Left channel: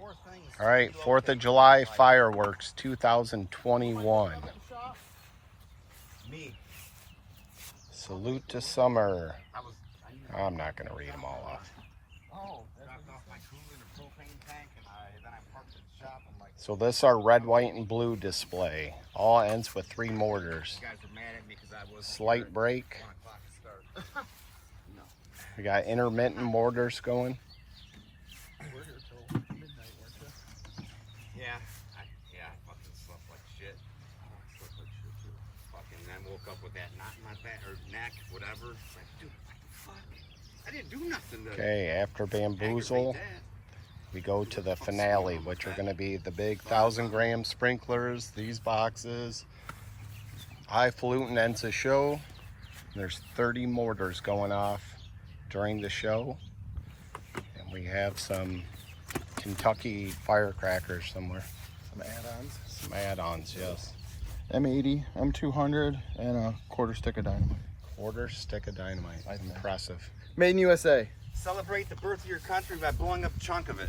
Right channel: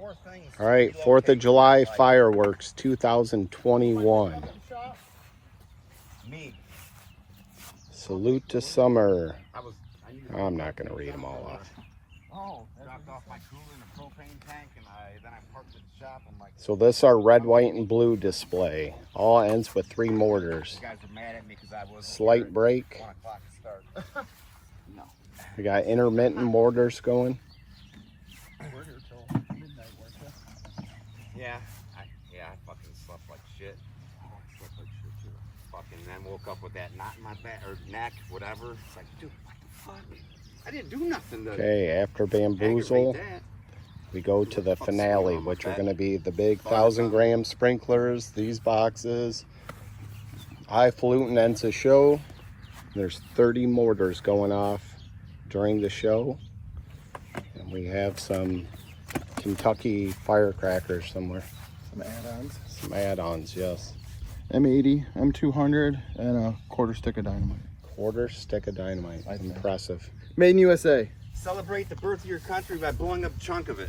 All right, 4th of July fireworks 2021. Me. Salute to summer. I'm not going to read them all off. Oh, dropped off my cooler in a propane tank, and then I parked at the shop. I'm like, So this our red, white, and blue display. All ends with 3 mortars. you guys were mad at me because I was Slight break. 1 o'clock to start. No. We got intermittent mortars going. We're here till midnight, weren't you? Yeah, I fucking slept like shit. Oh, I slept like shit too. Fucking then woke up with that knot in my back or neck, whatever. It's like, dude, what the fuck? I didn't do nothing to Okay, after bamboozle, aggravate that. we go to the finale, which are going to be the big 1,000-gram sprinklers, these boxes. Highfalutin ends the show. There's 30 mortars going off during the show. And we have some Kentucky firecrackers somewhere. Some add-ons. Some add-ons, yes. M80, M200, and a quarter stick of dynamite. Quarter stick of dynamite. Impressive. Made in USA. Celebrate the birth of your country by blowing up a chunk of it.